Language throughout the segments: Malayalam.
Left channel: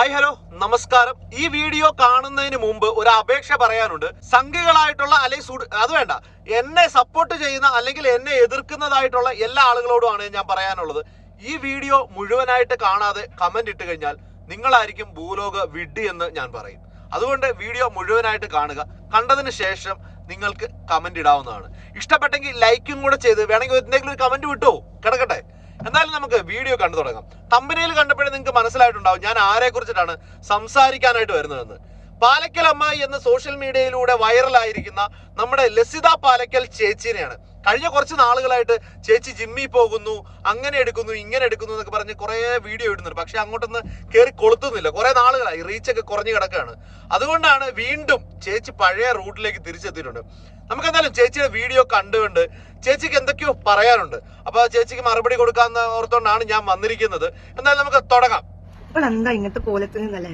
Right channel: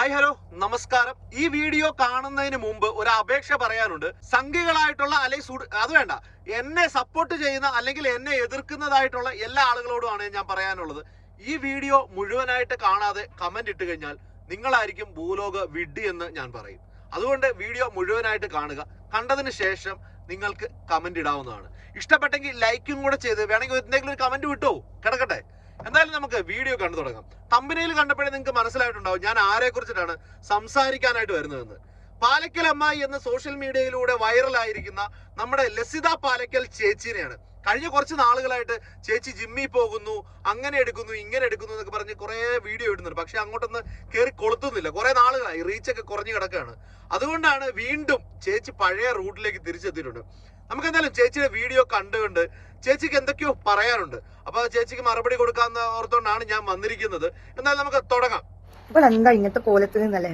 ഹായ് ഹലോ നമസ്കാരം. ഈ വീഡിയോ കാണുന്നതിന് മുമ്പ് ഒരു അപേക്ഷ പറയാനുണ്ട്. സംഘികളായിട്ടുള്ള അല്ലെങ്കിൽ അത് വേണ്ട, എന്നെ സപ്പോർട്ട് ചെയ്യുന്ന അല്ലെങ്കിൽ എന്നെ എതിർക്കുന്നതായിട്ടുള്ള എല്ലാ ആളുകളോടുമാണ് ഞാൻ പറയാനുള്ളത്. ഈ വീഡിയോ മുഴുവനായിട്ട് കാണാതെ കമന്റ് ഇട്ട് കഴിഞ്ഞാൽ നിങ്ങളായിരിക്കും ഭൂലോക വിഡ്ഢി എന്ന് ഞാൻ പറയും. അതുകൊണ്ട് വീഡിയോ മുഴുവനായിട്ട് കാണുക. കണ്ടതിന് ശേഷം നിങ്ങൾക്ക് കമന്റ് ഇടാവുന്നതാണ്. ഇഷ്ടപ്പെട്ടെങ്കിൽ ലൈക്കും കൂടെ ചെയ്ത് വേണമെങ്കിൽ എന്തെങ്കിലും ഒരു കമന്റ് വിട്ടോ കിടക്കട്ടെ. എന്തായാലും നമുക്ക് വീഡിയോ കണ്ടു തുടങ്ങാം. തമ്പനയിൽ കണ്ടപ്പോഴേ നിങ്ങൾക്ക് മനസ്സിലായിട്ടുണ്ടാവും ഞാൻ ആരെ കുറിച്ചിട്ടാണ് സംസാരിക്കാനായിട്ട് വരുന്നതെന്ന്. പാലക്കൽ അമ്മായി എന്ന സോഷ്യൽ മീഡിയയിലൂടെ വൈറലായിരിക്കുന്ന നമ്മുടെ ലസിത പാലക്കൽ ചേച്ചിനെയാണ്. കഴിഞ്ഞ കുറച്ച് നാളുകളായിട്ട് ചേച്ചി ജിമ്മിൽ പോകുന്നു, അങ്ങനെ എടുക്കുന്നു, ഇങ്ങനെ എടുക്കുന്നു എന്നൊക്കെ പറഞ്ഞ് കുറേ വീഡിയോ ഇടുന്നുണ്ട്. പക്ഷെ അങ്ങോട്ടൊന്ന് കയറി കൊളുത്തുന്നില്ല. കുറേ നാളുകളായി, റീച്ചൊക്കെ കുറഞ്ഞു കിടക്കുകയാണ്. അതുകൊണ്ടാണ് വീണ്ടും ചേച്ചി പഴയ റൂട്ടിലേക്ക് തിരിച്ചെത്തിയിട്ടുണ്ട്. നമുക്ക് എന്തായാലും ചേച്ചിയുടെ വീഡിയോ കണ്ടുകൊണ്ട് ചേച്ചിക്ക് എന്തൊക്കെയോ പറയാനുണ്ട്. അപ്പൊ ചേച്ചിക്ക് മറുപടി കൊടുക്കാന്ന് ഓർത്തോണ്ടാണ് ഞാൻ വന്നിരിക്കുന്നത്. എന്നാലും നമുക്ക് തുടങ്ങാം. എന്താ ഇങ്ങനത്തെ കോലത്തിൽ നിന്നല്ലേ?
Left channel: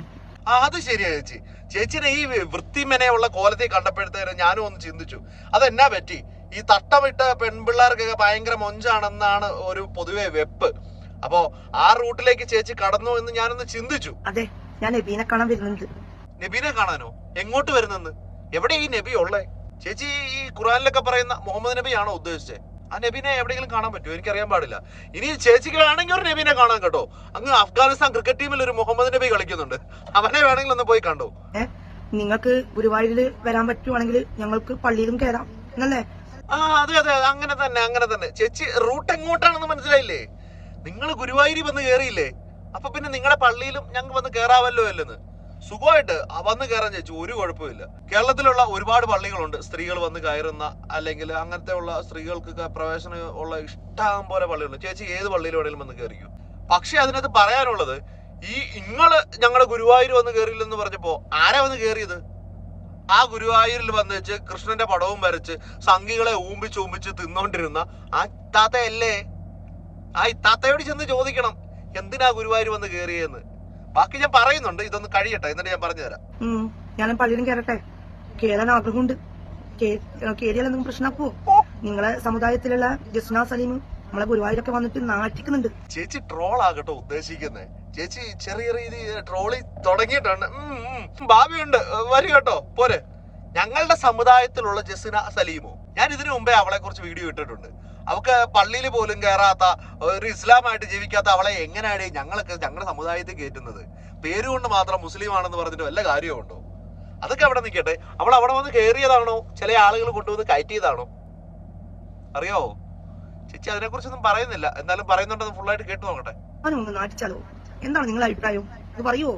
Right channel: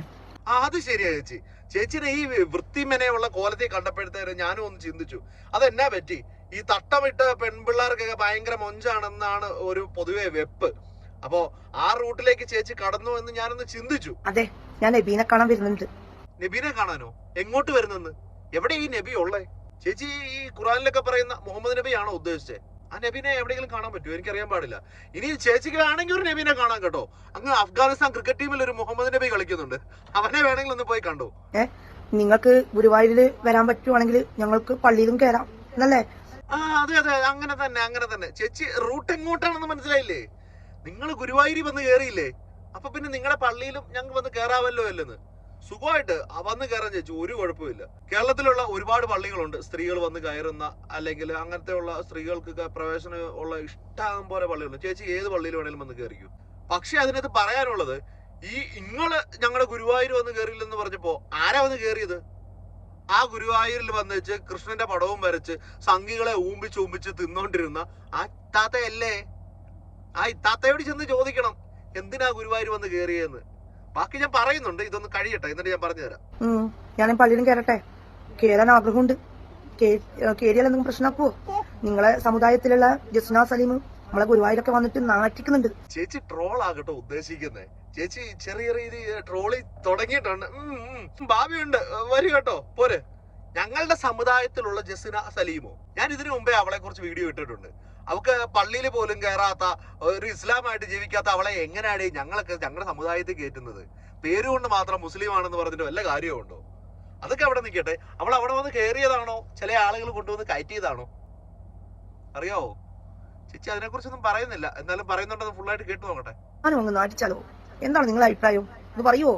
അത് ശരിയാ ചേച്ചി. ചേച്ചിയുടെ ഈ വൃത്തിമെനയുള്ള കോലത്തിൽ കണ്ടപ്പോഴത്തേക്ക് ഞാനും ഒന്ന് ചിന്തിച്ചു, അതെന്നാ പറ്റി? ഈ തട്ടമിട്ട പെൺപിള്ളേർക്കൊക്കെ ഭയങ്കര മൊഞ്ചാണെന്നാണ് ഒരു പൊതുവെ വെപ്പ്. അപ്പോ ആ റൂട്ടിലേക്ക് ചേച്ചി കടന്നു എന്ന് ഞാനൊന്ന് ചിന്തിച്ചു. അതെ, ഞാൻ നബീനെ കാണാൻ വരുന്നുണ്ട്. നബീനെ കാണാനോ? എങ്ങോട്ട് വരുന്നെന്ന്? എവിടെ ഈ നബി ഉള്ളേ? ചേച്ചി ഈ ഖുറാനിലൊക്കെ പറയുന്ന മുഹമ്മദ് നബി ആണോ ഉദ്ദേശിച്ചത്? ആ നബീനെ എവിടെയെങ്കിലും കാണാൻ പറ്റുമോ? എനിക്കറിയാൻ പാടില്ല. ഇനി ചേച്ചിക്ക് വേണമെങ്കിൽ ഒരു നബീനെ കാണാൻ കേട്ടോ. അങ്ങ് അഫ്ഗാനിസ്ഥാൻ ക്രിക്കറ്റ് ടീമിൽ ഒരു മുഹമ്മദ് നബി കളിക്കുന്നുണ്ട്. അവനെ വേണമെങ്കിൽ ഒന്ന് പോയി കണ്ടോ. നിങ്ങൾക്ക് ഗുരുവായൂരിൽ വരാൻ പറ്റുവാണെങ്കിൽ ഞങ്ങൾക്ക് പള്ളിയിലും കയറാം എന്നല്ലേ? അതെ അതെ, അങ്ങനെ തന്നെ. ചേച്ചി റൂട്ട് എങ്ങോട്ടാണെന്ന് മനസ്സിലായില്ലേ? നിങ്ങൾ ഗുരുവായൂരിൽ വന്ന് കയറിയില്ലേ? അപ്പൊ പിന്നെ നിങ്ങളുടെ പള്ളിയിലും ഞങ്ങൾ വന്ന് കയറാവല്ലോ അല്ലെന്ന്. സുഖമായിട്ട് വന്ന് കയറാൻ ചേച്ചി, ഒരു കുഴപ്പമില്ല. കേരളത്തിലുള്ള ഒരുപാട് പള്ളികളുണ്ട് സ്ത്രീകൾ വന്ന് കയറുന്ന, അല്ലെങ്കിൽ അങ്ങനത്തെ ഉള്ള സ്ത്രീകൾക്ക് പ്രവേശനം ഉള്ള ഇഷ്ടം പോലെ പള്ളികളുണ്ട്. ചേച്ചി ഏത് പള്ളിയിൽ വേണേലും വന്ന് കയറിക്കും. പക്ഷെ അതിനകത്ത് പറയാനുള്ളത്, ഈ നിങ്ങള് ഞങ്ങളുടെ ഗുരുവായൂർ വന്ന് കയറിയില്ലെന്ന് പറഞ്ഞപ്പോ ആരാ വന്ന് കയറിയത്? ആ ഗുരുവായൂരിൽ വന്ന് വെച്ച് കൃഷ്ണന്റെ പടവും വരച്ച് സംഘികളെ ഊമ്പിച്ച് തിന്നോണ്ടിരുന്ന ആ ഇത്താത്തയല്ലേ? ആ ഇത്താത്തയോട് ചെന്ന് ചോദിക്കണം എന്തിനാ ഗുരുവായൂർ വന്ന് കയറിയെന്ന്. ബാക്കി ഞാൻ പറയുന്നുണ്ട്, ഇതൊന്ന് കഴിയട്ടെ, എന്നിട്ട് ഞാൻ പറഞ്ഞുതരാം. ഞാൻ പള്ളിയിലും കയറട്ടെ. കയറാൻ ആഗ്രഹമുണ്ട്. കയറിയാൽ എന്തെങ്കിലും പ്രശ്നമാക്കുവോ? നിങ്ങളെ സമുദായത്തിലുള്ള ജസ്ന സലീം നമ്മളെ ഗുരുവായൂരൊക്കെ വന്നിട്ട് നാറ്റിക്കുന്നുണ്ട്. ചേച്ചി ട്രോൾ ആകട്ടോ ഉദ്ദേശിക്കുന്നേ? ചേച്ചി ചെറിയ രീതിയിൽ ട്രോളി തുടങ്ങിയിട്ടുണ്ട്. ഭാവിയുണ്ട്, വരും കേട്ടോ, പോരെ. ഞങ്ങളുടെ സമുദായത്തിലുള്ള ജസ്ന സലീമോ, ഞാൻ ഇതിനു മുമ്പേ അവളെ കുറിച്ച് വീഡിയോ ഇട്ടിട്ടുണ്ട്. അവൾക്ക് പള്ളിയിൽ പോലും കയറാത്ത, ഒരു ഇസ്ലാമായിട്ട് ജീവിക്കാത്ത അവളെ എങ്ങനെയാണ് ഞങ്ങളുടെ സമുദായത്തിൽ കയറ്റുന്നത്? പേരുകൊണ്ട് മാത്രം മുസ്ലിം ആണെന്ന് പറഞ്ഞിട്ട് വല്ല കാര്യമുണ്ടോ? അതൊക്കെ അവിടെ നിൽക്കട്ടെ. അവൾ അവിടെ വന്ന് കയറിയതാണോ ചില ആളുകൾ കൊണ്ടുവന്ന് കയറ്റിയതാണോ അറിയാവോ? ചേച്ചി അതിനെ കുറിച്ചൊന്നും പറയുന്നില്ല, എന്നാലും പറയുന്നുണ്ടെന്ന് ഫുള്ളായിട്ട് കേട്ടു നോക്കട്ടെ. നാട്ടിച്ചാലോ? എന്താണ് നിങ്ങളുടെ അഭിപ്രായം? അത് പറയുവോ?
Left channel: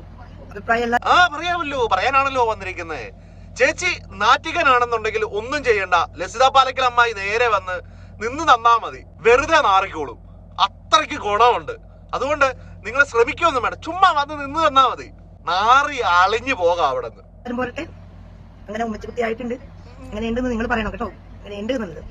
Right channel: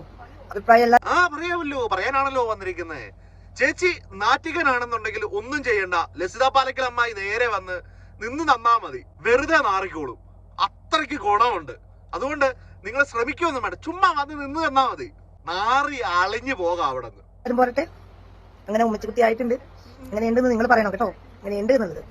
അഭിപ്രായമല്ല. പറയാമല്ലോ, പറയാനാണല്ലോ വന്നിരിക്കുന്നത്. ചേച്ചി നാറ്റികനാണെന്നുണ്ടെങ്കിൽ ഒന്നും ചെയ്യണ്ട. ലസിത പാലക്കൽ അമ്മായി നേരെ വന്ന് നിന്ന് തന്നാ മതി, വെറുതെ നാറിക്കോളും. അത്രയ്ക്ക് ഗുണമുണ്ട്. അതുകൊണ്ട് നിങ്ങൾ ശ്രമിക്കൊന്നും വേണ്ട, ചുമ്മാ വന്ന് നിന്ന് തന്നാ മതി. നാറി അളിഞ്ഞു പോകാം അവിടെ നിന്ന്. പോരട്ടെ, അങ്ങനെ ഉമ്മച്ചിക്കുട്ടി ആയിട്ടുണ്ട്. അങ്ങനെ ഉണ്ടെന്ന് നിങ്ങൾ പറയണം കേട്ടോ. അങ്ങനെ ഉണ്ട് എന്നുള്ളത്.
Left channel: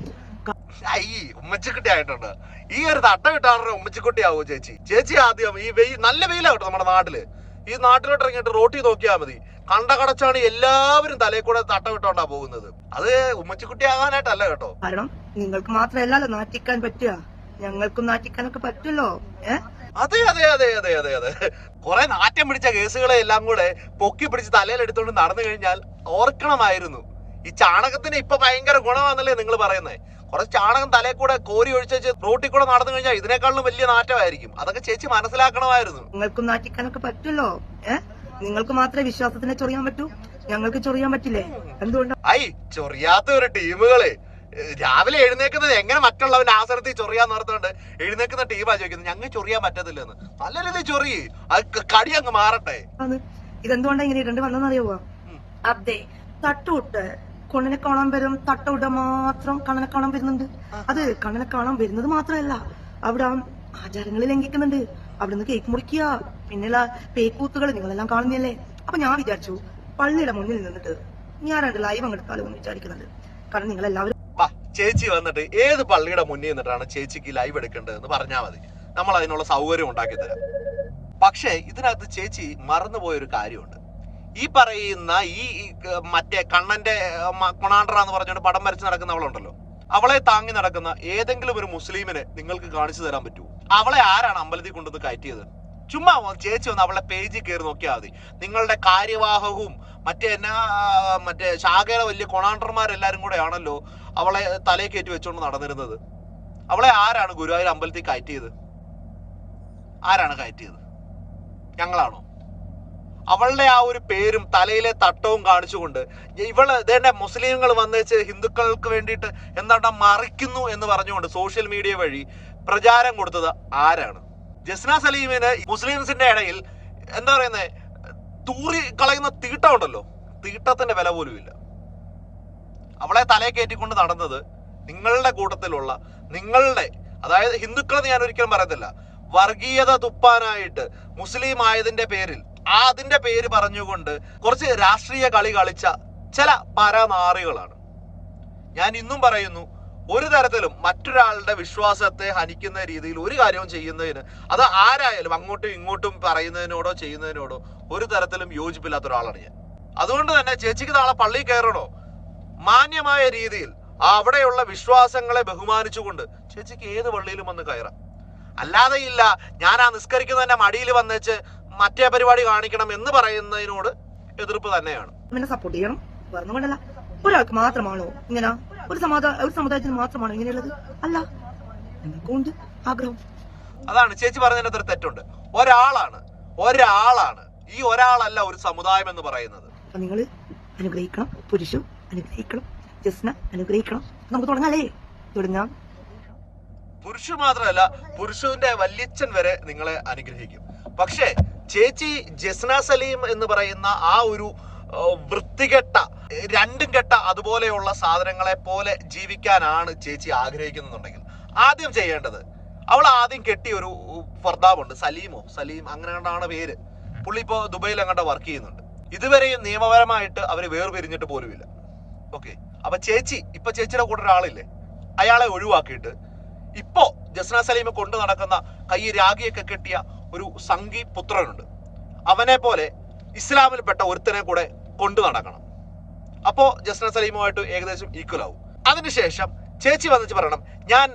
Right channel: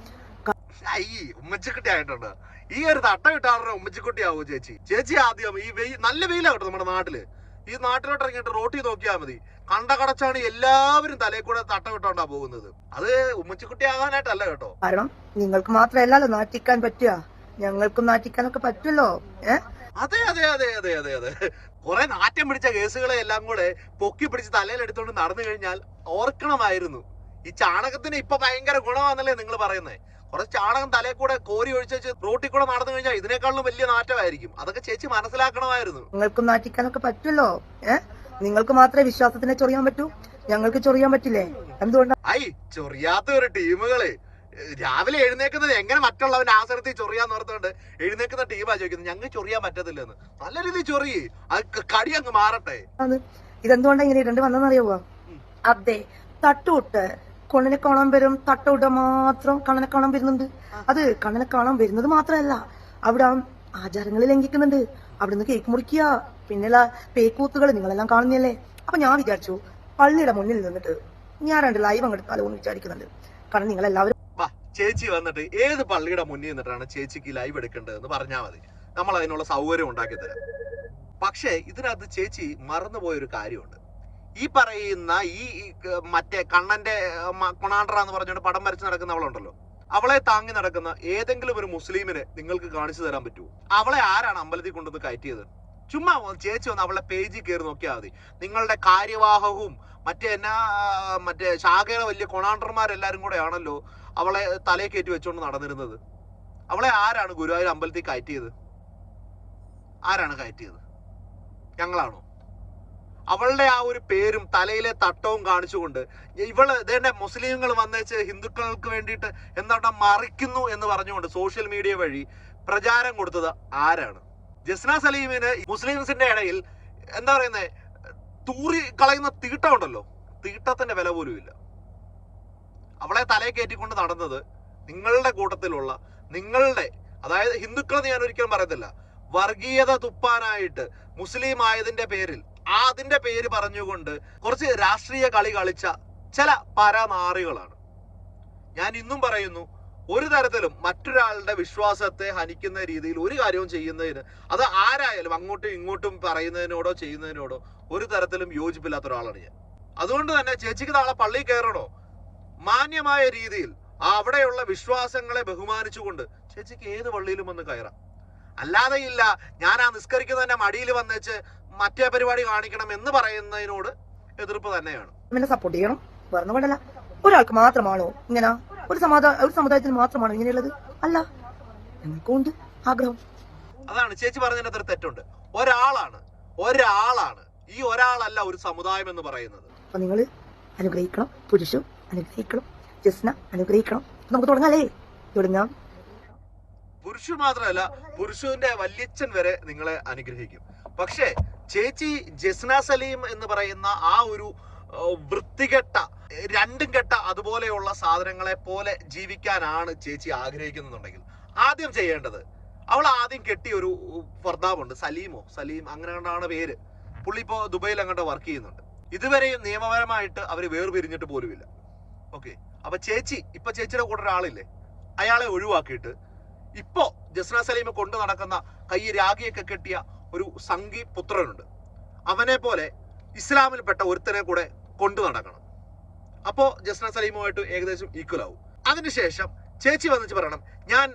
ഉമ്മച്ചിക്കുട്ടി ആയിട്ടുണ്ട്. ഈ ഒരു തട്ട കിട്ടാറുടെ ഉമ്മച്ചിക്കുട്ടി ആവോ ചേച്ചി? ചേച്ചി ആദ്യം ഈ നല്ല വെയിലാ കേട്ടോ നമ്മുടെ നാട്ടില്. ഈ നാട്ടിലോട്ട് ഇറങ്ങിയിട്ട് റോട്ടി നോക്കിയാൽ മതി, കണ്ട കടച്ചാണ് എല്ലാവരും തലയിൽ കൂടെ തട്ട വിട്ടോണ്ടാ പോകുന്നത്. അത് ഉമ്മച്ചിക്കുട്ടി ആകാനായിട്ടല്ല കേട്ടോ. കാരണം നിങ്ങൾക്ക് മാത്രമല്ലല്ലോ നാറ്റിക്കാൻ പറ്റുക, ഞങ്ങൾക്കും നാറ്റിക്കാനൊക്കെ പറ്റുമല്ലോ. അതെ അതെ അതെ അതെ അതെ അതെ കുറെ നാറ്റം പിടിച്ച കേസുകളെ എല്ലാം കൂടെ പൊക്കി പിടിച്ച് തലയിൽ എടുത്തോണ്ട് നടന്നു കഴിഞ്ഞാൽ ഓർക്കണമായിരുന്നു. ഈ ചാണകത്തിന് ഇപ്പൊ ഭയങ്കര ഗുണമാണെന്നല്ലേ നിങ്ങൾ പറയുന്നത്? കുറച്ച് ചാണകം തലയിൽ കൂടെ കോരി ഒഴിച്ച് റോട്ടിൽ കൂടെ നടന്നു കഴിഞ്ഞാൽ ഇതിനേക്കാളും വലിയ നാറ്റമായിരിക്കും. അതൊക്കെ ചേച്ചി മനസ്സിലാക്കണമായിരുന്നു. നിങ്ങൾക്കും നാറ്റിക്കാനൊക്കെ പറ്റുമല്ലോ. നിങ്ങൾക്ക് മാത്രമേ വിശ്വാസത്തിനെ ചൊറിയാൻ പറ്റൂ, ഞങ്ങൾക്ക് ചൊറിയാൻ പറ്റില്ലേ? എന്തുകൊണ്ടാ ചൊറിയാത്ത ഒരു ടീമുകളെ രാവിലെ എഴുന്നേക്കുന്നത് എങ്ങനെ മറ്റുള്ളവന്റെ ആസനത്തിൽ ചൊറിയാന്ന് ഓർത്തുകൊണ്ട് എഴുന്നേക്കുന്ന ടീമാ ചോദിക്കുന്നത്. ഞങ്ങൾ ചൊറിയാൻ പറ്റത്തില്ലെന്ന്. നല്ല രീതിയിൽ ചൊറിയേ, അത് കടി അങ്ങ് മാറട്ടെ. ഇതെന്തുകൊണ്ടാ ഇങ്ങനെ ഇടേണ്ടി വന്നെന്നറിയാവോ? അതെ, തട്ടുവിട്ട് കണ്ണനെ കാണാൻ വരും. തട്ടവിട്ട മാത്രം കണ്ണനെ കാണാൻ വരുന്നുണ്ട്. അത് കണ്ണനെ കാണാൻ വരുന്നത് മാത്രമല്ല, അവിടെ ആചാരങ്ങൾ ലംഘിക്കുന്നുണ്ട്. അവിടുന്ന് കേക്ക് മുറിക്കുക, പിന്നെയുള്ള പേക്കൂത്തുകൾ നിങ്ങളെല്ലാം കാണുന്നല്ലേ. അപ്പൊ ഞാൻ വിചാരിച്ചു പള്ളിയുടെ മുന്നിൽ നിന്നിട്ട് ഞാൻ 2 ലൈവ് അങ്ങെടുത്താലോ എന്ന് വിചാരിക്കുന്നുണ്ട്. കാരണം നിങ്ങളെല്ലാവരും ചേച്ചി വന്നിട്ട് ഏത് പള്ളിയുടെ മുന്നിൽ നിന്നിട്ടാണ് ചേച്ചിക്ക് ലൈവ് എടുക്കേണ്ടതെന്ന് പറഞ്ഞാൽ മതി, നമ്മൾ അതിനുള്ള സൗകര്യം ഉണ്ടാക്കി തരാം. പക്ഷേ ഇതിനകത്ത് ചേച്ചി മറന്നുപോയൊരു കാര്യമുണ്ട്. ഈ പറയുന്ന ഈ മറ്റേ കണ്ണന്റെ കൊണാണ്ട്ര എന്ന് പറഞ്ഞുകൊണ്ട് പടം വരച്ച് നടക്കുന്നവളുണ്ടല്ലോ, അവളെ താങ്ങി നടക്കുന്ന ഏതെങ്കിലും ഒരു മുസ്ലിമിനെ നിങ്ങൾക്ക് കാണിച്ചു തരാൻ പറ്റുമോ? അവളെ ആരാണ് അമ്പലത്തിൽ കൊണ്ടുവന്ന് കയറ്റിയത്? ചുമ്മാ ചേച്ചി ഒന്ന് അവളെ പേജിൽ കയറി നോക്കിയാൽ മതി. നിങ്ങളുടെ കാര്യവാഹവും മറ്റേ ശാഖയുടെ വലിയ കൊണാണ്ടർമാരെല്ലാരും കൂടെ ആണല്ലോ അവളെ തലയിൽ കയറ്റി വെച്ചോണ്ട് നടന്നിരുന്നത്. അവളെ ആരാണ് ഗുരുവായൂർ അമ്പലത്തിൽ കയറ്റിയത്? ആരാണ് കയറ്റിയത്? ഞങ്ങളാണോ? അവളുടെ ആ ഒരു പേരും തലയിലെ തട്ടവും കാണിച്ചുകൊണ്ട് ഇതേണ്ട മുസ്ലിങ്ങൾ വന്നേച്ച് ഹിന്ദുക്കൾക്ക് വേണ്ടിയിട്ട് എന്താണ് മറിക്കുന്നു എന്ന് പറഞ്ഞുകൊണ്ട് സോഷ്യൽ മീഡിയ വഴി പ്രചാരം കൊടുത്തത് ആരാണ്? ജസ്ന സലീമിന് മുസ്ലിംസിന്റെ ഇടയിൽ എന്താ പറയുന്നത്, തൂറി കളയുന്ന തീട്ടം ഉണ്ടല്ലോ, തീട്ടത്തിന്റെ വില പോലും ഇല്ല. അവളെ തലയെ കയറ്റിക്കൊണ്ട് നടന്നത് നിങ്ങളുടെ കൂട്ടത്തിലുള്ള അതായത് ഹിന്ദുക്കളെന്ന് ഞാൻ ഒരിക്കലും പറയത്തില്ല, വർഗീയത തുപ്പാനായിട്ട് മുസ്ലിം ആയതിന്റെ പേരിൽ അതിന്റെ പേര് പറഞ്ഞുകൊണ്ട് കുറച്ച് രാഷ്ട്രീയ കളി കളിച്ച ചില പരനാറികളാണ്. ഞാൻ ഇന്നും പറയുന്നു, ഒരു തരത്തിലും മറ്റൊരാളുടെ വിശ്വാസത്തെ ഹനിക്കുന്ന രീതിയിൽ ഒരു കാര്യവും ചെയ്യുന്നതിന്, അത് ആരായാലും അങ്ങോട്ടും ഇങ്ങോട്ടും പറയുന്നതിനോടോ ചെയ്യുന്നതിനോടോ ഒരു തരത്തിലും യോജിപ്പില്ലാത്ത ഒരാളാണ് ഞാൻ. അതുകൊണ്ട് തന്നെ ചേച്ചിക്ക് നാളെ പള്ളിയിൽ കയറണോ, മാന്യമായ രീതിയിൽ അവിടെയുള്ള വിശ്വാസങ്ങളെ ബഹുമാനിച്ചുകൊണ്ട് ചേച്ചിക്ക് ഏത് പള്ളിയിലും വന്ന് കയറാം. അല്ലാതെ ഇല്ല ഞാൻ ആ നിസ്കരിക്കുന്നതിന്റെ മടിയിൽ വന്നേച്ച് മറ്റേ പരിപാടി കാണിക്കണം എന്ന് പറയുന്നതിനോട് എതിർപ്പ് തന്നെയാണ്. സപ്പോർട്ട് ചെയ്യണം, പറഞ്ഞുകൊണ്ടല്ല. ഒരാൾക്ക് മാത്രമാണോ ഇങ്ങനെ, ഒരു സമുദായത്തിന് മാത്രമാണോ ഇങ്ങനെയുള്ളത്? അല്ല, ഞങ്ങൾക്കുണ്ട് ആഗ്രഹം. അതാണ് ചേച്ചി പറഞ്ഞതിന് അത്ര തെറ്റുണ്ട്. ഒരാളാണ് ഈ ഒരാളല്ല ഒരു സമുദായം എന്ന് പറയുന്നത്. അപ്പൊ നിങ്ങൾ അനുഗ്രഹിക്കണം, പുരുഷു അനുഗ്രഹിക്കണം, ജസ്ന അനുഗ്രഹിക്കണം. നമുക്ക് തുടങ്ങാല്ലേ? തുടങ്ങാം. പുരുഷു മാത്രമല്ല, പുരുഷുവിന്റെ വല്യച്ഛൻ വരെ നിങ്ങളെ അനുഗ്രഹിക്കും. പക്ഷേ ചേച്ചി ജസ്ന സലീം എന്ന് പറയുന്ന ആ ഒരു വൃത്തികെട്ട, രണ്ടും കെട്ട അതുപോലെയുള്ള സാധനങ്ങളെ പോലെ ജീവിക്കാനാണ് ചേച്ചി ആഗ്രഹിക്കുന്നുണ്ടെങ്കിൽ ആദ്യം ചെയ്യേണ്ടത്, അവൾ ആദ്യം കെട്ടിയ ഒരു ഭർത്താവുണ്ട്, സലീം അങ്ങനെ കണ്ടാണ് പേര്. പുള്ളി ഇപ്പോൾ ദുബൈയിൽ അങ്ങോട്ട് വർക്ക് ചെയ്യുന്നുണ്ട്. ഇതുവരെയും നിയമപരമായിട്ട് അവർ വേർപിരിഞ്ഞിട്ട് പോലുമില്ല. ഓക്കെ, അപ്പൊ ചേച്ചിയുടെ കൂടെ ഒരാളില്ലേ, അയാളെ ഒഴിവാക്കിയിട്ട് ഇപ്പോ ജസ്ന സലീം കൊണ്ട് നടക്കുന്ന കൈ രാഗിയൊക്കെ കെട്ടിയ ഒരു സംഘി പുത്രനുണ്ട്. അവനെ പോലെ ഇസ്ലാമിൽപ്പെട്ട ഒരുത്തനെ കൂടെ കൊണ്ടു നടക്കണം. അപ്പോ ജസ്ന സലീമുമായിട്ട് ഏകദേശം ഈക്വൽ ആവും. അതിനുശേഷം ചേച്ചി വന്നിട്ട് പറയണം, ഞാൻ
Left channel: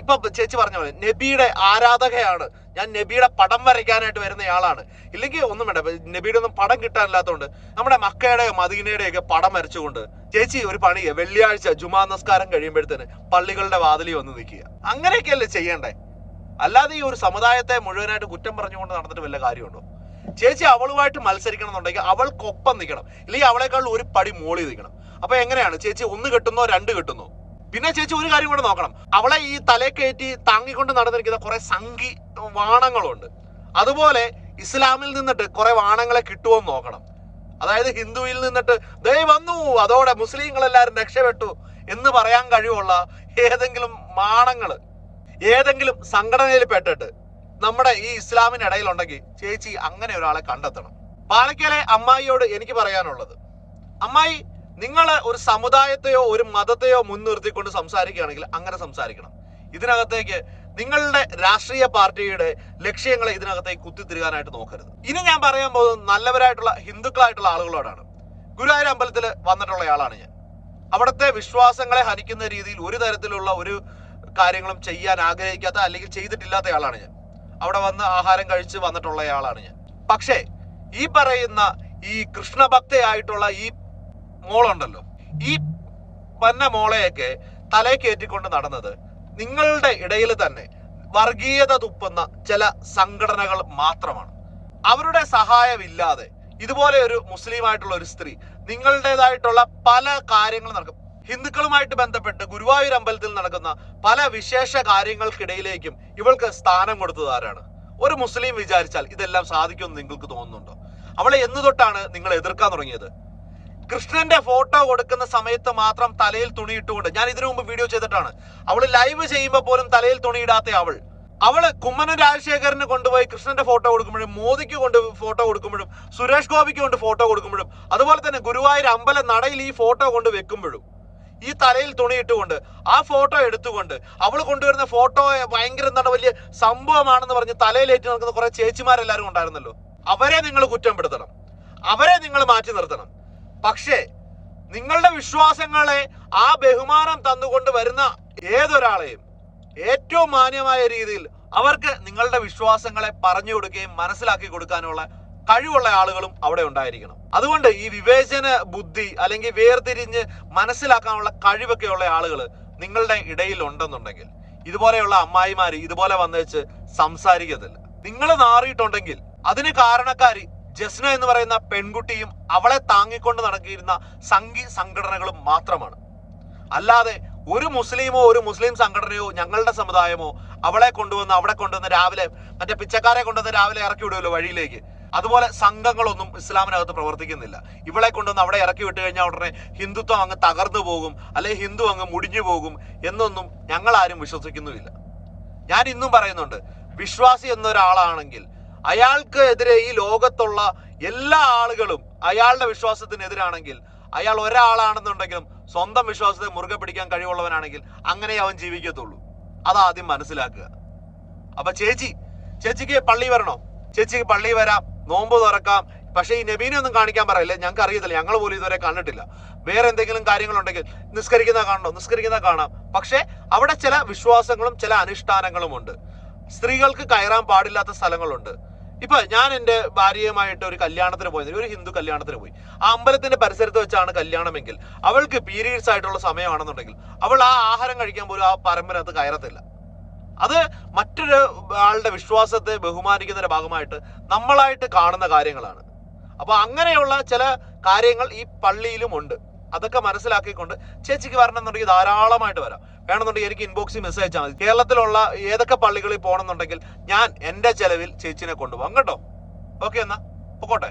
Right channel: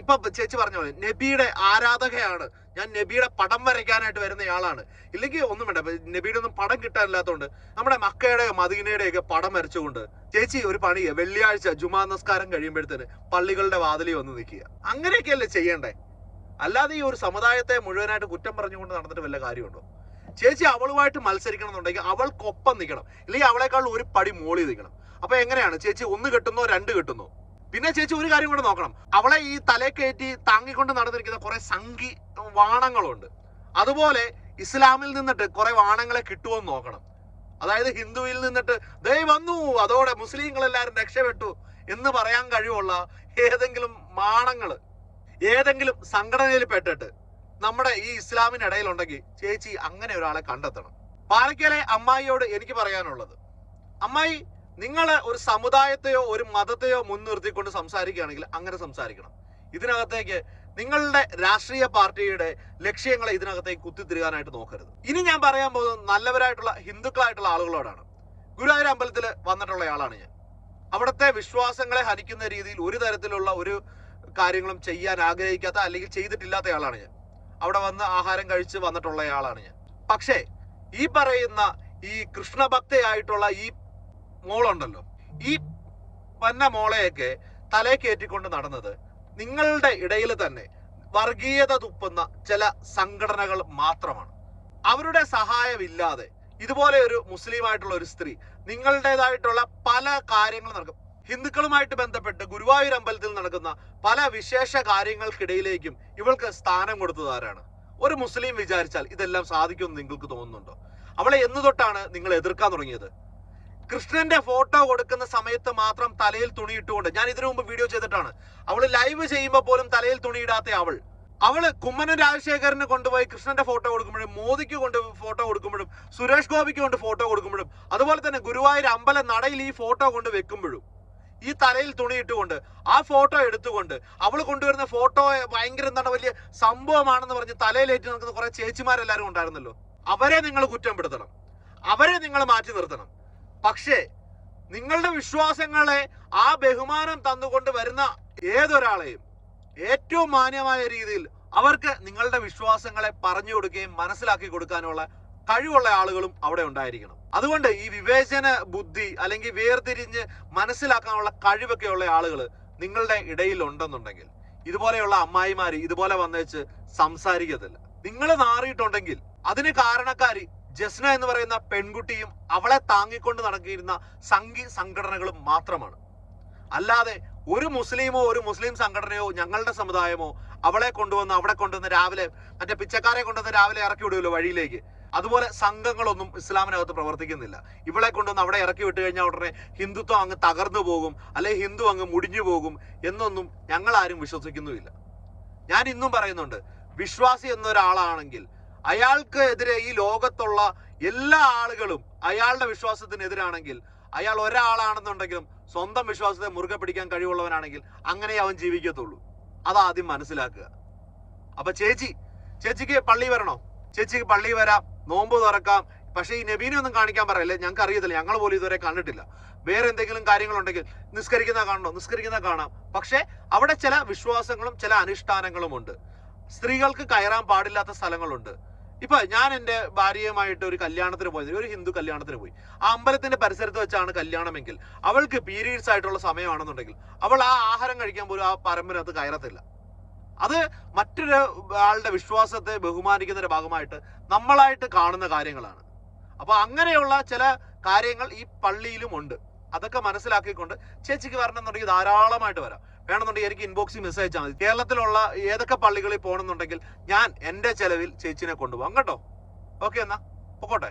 ഇപ്പൊ ചേച്ചി പറഞ്ഞ പോലെ നബിയുടെ ആരാധകയാണ്, ഞാൻ നബിയുടെ പടം വരയ്ക്കാനായിട്ട് വരുന്നയാളാണ്. ഇല്ലെങ്കിൽ ഒന്നും വേണ്ട, നബിയുടെ ഒന്നും പടം കിട്ടാനില്ലാത്തതുകൊണ്ട് നമ്മുടെ മക്കയുടെയോ മദീനയുടെയോ ഒക്കെ പടം വരച്ചുകൊണ്ട് ചേച്ചി ഒരു പണിയെ വെള്ളിയാഴ്ച ജുമാ നമസ്കാരം കഴിയുമ്പോഴത്തേന് പള്ളികളുടെ വാതിലിൽ വന്ന് നിൽക്കുക. അങ്ങനെയൊക്കെയല്ലേ ചെയ്യണ്ടേ? അല്ലാതെ ഈ ഒരു സമുദായത്തെ മുഴുവനായിട്ട് കുറ്റം പറഞ്ഞുകൊണ്ട് നടന്നിട്ട് വല്ല കാര്യമുണ്ടോ? ചേച്ചി അവളുമായിട്ട് മത്സരിക്കണം എന്നുണ്ടെങ്കിൽ അവൾക്കൊപ്പം നിൽക്കണം, ഇല്ലെങ്കിൽ അവളെക്കാൾ ഒരു പടി മോളി നിൽക്കണം. അപ്പൊ എങ്ങനെയാണ് ചേച്ചി 1 കെട്ടുന്നോ 2 കെട്ടുന്നോ? പിന്നെ ചേച്ചി ഒരു കാര്യം കൂടെ നോക്കണം, അവളെ ഈ തലേ കയറ്റി താങ്ങിക്കൊണ്ട് നടന്നിരിക്കുന്ന കുറെ സംഘി വാണങ്ങളുണ്ട്. അതുപോലെ ഇസ്ലാമിൽ നിന്നിട്ട് കുറെ വാണങ്ങളെ കിട്ടുമോന്ന് നോക്കണം. അതായത് ഹിന്ദുവിൽ നിന്നിട്ട് ദേ വന്നു, അതോടെ മുസ്ലിങ്ങളെല്ലാരും രക്ഷപ്പെട്ടു എന്ന് പറയാൻ കഴിവുള്ള ഏതെങ്കിലും മാണങ്ങള് ഏതെങ്കിലും സംഘടനയിൽ പെട്ടിട്ട് നമ്മുടെ ഈ ഇസ്ലാമിനിടയിലുണ്ടെങ്കിൽ ചേച്ചി അങ്ങനെ ഒരാളെ കണ്ടെത്തണം. പാലക്കാലെ അമ്മായിയോട് എനിക്ക് പറയാനുള്ളത്, അമ്മായി, നിങ്ങൾ ഒരു സമുദായത്തെയോ ഒരു മതത്തെയോ മുൻനിർത്തിക്കൊണ്ട് സംസാരിക്കുകയാണെങ്കിൽ അങ്ങനെ സംസാരിക്കണം. ഇതിനകത്തേക്ക് നിങ്ങളുടെ രാഷ്ട്രീയ പാർട്ടിയുടെ ലക്ഷ്യങ്ങളെ ഇതിനകത്തേക്ക് കുത്തിത്തിരുകാനായിട്ട് നോക്കരുത്. ഇനി ഞാൻ പറയാൻ പോകുന്നത് നല്ലവരായിട്ടുള്ള ഹിന്ദുക്കളായിട്ടുള്ള ആളുകളോടാണ്. ഗുരുവായൂർ അമ്പലത്തിൽ വന്നിട്ടുള്ള ആളാണ് ഞാൻ. അവിടുത്തെ വിശ്വാസങ്ങളെ ഹനിക്കുന്ന രീതിയിൽ ഒരു തരത്തിലുള്ള ഒരു കാര്യങ്ങളും ചെയ്യാൻ ആഗ്രഹിക്കാത്ത അല്ലെങ്കിൽ ചെയ്തിട്ടില്ലാത്ത ആളാണ് ഞാൻ. അവിടെ വന്ന് ആഹാരം കഴിച്ച് വന്നിട്ടുള്ള ആളാണ് ഞാൻ. പക്ഷേ ഈ പറയുന്ന ഈ കൃഷ്ണഭക്തയായിട്ടുള്ള ഈ മോളുണ്ടല്ലോ, ഈ പന്ന മോളെയൊക്കെ തലേ കയറ്റിക്കൊണ്ട് നടന്നത് നിങ്ങളുടെ ഇടയിൽ തന്നെ വർഗീയത തുപ്പുന്ന ചില സംഘടനകൾ മാത്രമാണ്. അവരുടെ സഹായമില്ലാതെ ഇതുപോലെ ഒരു മുസ്ലിം ആയിട്ടുള്ള ഒരു സ്ത്രീ നിങ്ങളുടേതായിട്ടുള്ള പല കാര്യങ്ങളും നടക്കും. ഹിന്ദുക്കളുമായിട്ട് ബന്ധപ്പെട്ട് ഗുരുവായൂർ അമ്പലത്തിൽ നടക്കുന്ന പല വിശേഷ കാര്യങ്ങൾക്കിടയിലേക്കും ഇവൾക്ക് സ്ഥാനം കൊടുത്തത് ആരാണ്? ഒരു മുസ്ലിം വിചാരിച്ചാൽ ഇതെല്ലാം സാധിക്കുമെന്ന് നിങ്ങൾക്ക് തോന്നുന്നുണ്ടോ? അവളെ എന്ന് തൊട്ടാണ് നിങ്ങൾ എതിർക്കാൻ തുടങ്ങിയത്? കൃഷ്ണന്റെ ഫോട്ടോ കൊടുക്കുന്ന സമയത്ത് മാത്രം തലയിൽ തുണിയിട്ടുകൊണ്ട്, ഞാൻ ഇതിനു മുമ്പ് വീഡിയോ ചെയ്തിട്ടാണ്, അവള് ലൈവ് ചെയ്യുമ്പോൾ പോലും തലയിൽ തുണിയിടാത്ത അവള് കുമ്മനം രാജശേഖരന് കൊണ്ടുപോയി കൃഷ്ണന്റെ ഫോട്ടോ കൊടുക്കുമ്പോഴും, മോദിക്ക് കൊണ്ട് ഫോട്ടോ കൊടുക്കുമ്പോഴും, സുരേഷ് ഗോപിക്ക് കൊണ്ട് ഫോട്ടോ കൊടുക്കുമ്പോഴും, അതുപോലെ തന്നെ ഗുരുവായൂർ അമ്പല നടയിൽ ഈ ഫോട്ടോ കൊണ്ട് വെക്കുമ്പോഴും ഈ തലയിൽ തുണിയിട്ടുകൊണ്ട് ആ ഫോട്ടോ എടുത്തുകൊണ്ട് അവൾ കൊണ്ടുവരുന്ന ഫോട്ടോയെ ഭയങ്കര എന്താണ് വലിയ സംഭവമാണെന്ന് പറഞ്ഞ് തലയിലേറ്റ് നിൽക്കുന്ന കുറെ ചേച്ചിമാരെല്ലാരും ഉണ്ടായിരുന്നല്ലോ. അവരെ നിങ്ങൾ കുറ്റപ്പെടുത്തണം, അവരെ നിങ്ങൾ മാറ്റി നിർത്തണം. പക്ഷേ നിങ്ങളുടെ വിശ്വാസങ്ങളെ ആ ബഹുമാനം തന്നുകൊണ്ട് വരുന്ന ഏതൊരാളെയും ഏറ്റവും മാന്യമായ രീതിയിൽ അവർക്ക് നിങ്ങളുടെ വിശ്വാസങ്ങളെ പറഞ്ഞു കൊടുക്കുകയും മനസ്സിലാക്കി കൊടുക്കാനുള്ള കഴിവുള്ള ആളുകളും അവിടെ ഉണ്ടായിരിക്കണം. അതുകൊണ്ട് ഈ വിവേചന ബുദ്ധി അല്ലെങ്കിൽ വേർതിരിഞ്ഞ് മനസ്സിലാക്കാനുള്ള കഴിവൊക്കെ ഉള്ള ആളുകൾ നിങ്ങളുടെ ഇടയിൽ ഉണ്ടെന്നുണ്ടെങ്കിൽ ഇതുപോലെയുള്ള അമ്മായിമാര് ഇതുപോലെ വന്നേച്ച് സംസാരിക്കത്തില്ല. നിങ്ങൾ നാറിയിട്ടുണ്ടെങ്കിൽ അതിന് കാരണക്കാരി ജസ്ന എന്ന് പറയുന്ന പെൺകുട്ടിയും അവളെ താങ്ങിക്കൊണ്ട് നടക്കിയിരുന്ന സംഘടനകളും മാത്രമാണ്. അല്ലാതെ ഒരു മുസ്ലിമോ ഒരു മുസ്ലിം സംഘടനയോ ഞങ്ങളുടെ സമുദായമോ അവളെ കൊണ്ടുവന്ന് അവിടെ കൊണ്ടുവന്ന് രാവിലെ മറ്റേ പിച്ചക്കാരെ കൊണ്ടുവന്ന് രാവിലെ ഇറക്കി വിടുമല്ലോ വഴിയിലേക്ക്, അതുപോലെ സംഘങ്ങളൊന്നും ഇസ്ലാമിനകത്ത് പ്രവർത്തിക്കുന്നില്ല. ഇവളെ കൊണ്ടുവന്ന് അവിടെ ഇറക്കി വിട്ട് കഴിഞ്ഞാൽ ഉടനെ ഹിന്ദുത്വം അങ്ങ് തകർന്നു പോകും, അല്ലെങ്കിൽ ഹിന്ദു അങ്ങ് മുടിഞ്ഞു പോകും എന്നൊന്നും ഞങ്ങളാരും വിശ്വസിക്കുന്നുമില്ല. ഞാൻ ഇന്നും പറയുന്നുണ്ട്, വിശ്വാസി എന്നൊരാളാണെങ്കിൽ അയാൾക്ക് എതിരെ ഈ ലോകത്തുള്ള എല്ലാ ആളുകളും അയാളുടെ വിശ്വാസത്തിനെതിരാണെങ്കിൽ അയാൾ ഒരാളാണെന്നുണ്ടെങ്കിലും സ്വന്തം വിശ്വാസത്തെ മുറുകെ പിടിക്കാൻ കഴിവുള്ളവനാണെങ്കിൽ അങ്ങനെ അവൻ ജീവിക്കത്തുള്ളൂ. അതാദ്യം മനസ്സിലാക്കുക. അപ്പൊ ചേച്ചിക്ക് പള്ളി വരണോ? ചേച്ചിക്ക് പള്ളി വരാം, നോമ്പ് തുറക്കാം. പക്ഷെ ഈ നബീനെ ഒന്നും കാണിക്കാൻ പറയല്ലേ, ഞങ്ങൾക്ക് അറിയത്തില്ല, ഞങ്ങൾ പോലും ഇതുവരെ കണ്ടിട്ടില്ല. വേറെ എന്തെങ്കിലും കാര്യങ്ങളുണ്ടെങ്കിൽ നിസ്കരിക്കുന്ന കാണാം. പക്ഷെ അവിടെ ചില വിശ്വാസങ്ങളും ചില അനുഷ്ഠാനങ്ങളും ഉണ്ട്. സ്ത്രീകൾക്ക് കയറാൻ പാടില്ലാത്ത സ്ഥലങ്ങളുണ്ട്. ഇപ്പൊ ഞാൻ എൻ്റെ ഭാര്യയുമായിട്ട് ഒരു കല്യാണത്തിന് പോയത്, ഒരു ഹിന്ദു കല്യാണത്തിന് പോയി. ആ അമ്പലത്തിന്റെ പരിസരത്ത് വെച്ചാണ് കല്യാണമെങ്കിൽ അവൾക്ക് പീരീഡ്സ് ആയിട്ടുള്ള സമയമാണെന്നുണ്ടെങ്കിൽ അവൾ ആ ആഹാരം കഴിക്കാൻ പോലും ആ പരമ്പരത്ത് കയറത്തില്ല. അത് മറ്റൊരു ആളുടെ വിശ്വാസത്തെ ബഹുമാനിക്കുന്നതിന്റെ ഭാഗമായിട്ട് നമ്മളായിട്ട് കാണുന്ന കാര്യങ്ങളാണ്. അപ്പൊ അങ്ങനെയുള്ള ചില കാര്യങ്ങൾ ഈ പള്ളിയിലും ഉണ്ട്. അതൊക്കെ മനസ്സിലാക്കിക്കൊണ്ട് ചേച്ചിക്ക് വരണമെന്നുണ്ടെങ്കിൽ ധാരാളമായിട്ട് വരാം. വേണമെന്നുണ്ടെങ്കിൽ എനിക്ക് ഇൻബോക്സിൽ മെസ്സേജ് അയച്ചാൽ മതി. കേരളത്തിലുള്ള ഏതൊക്കെ പള്ളികളിൽ പോകണമെന്നുണ്ടെങ്കിൽ ഞാൻ എൻ്റെ ചെലവിൽ ചേച്ചിനെ കൊണ്ടുപോകാം കേട്ടോ. ഓക്കെ, എന്നാ പൊക്കോട്ടെ.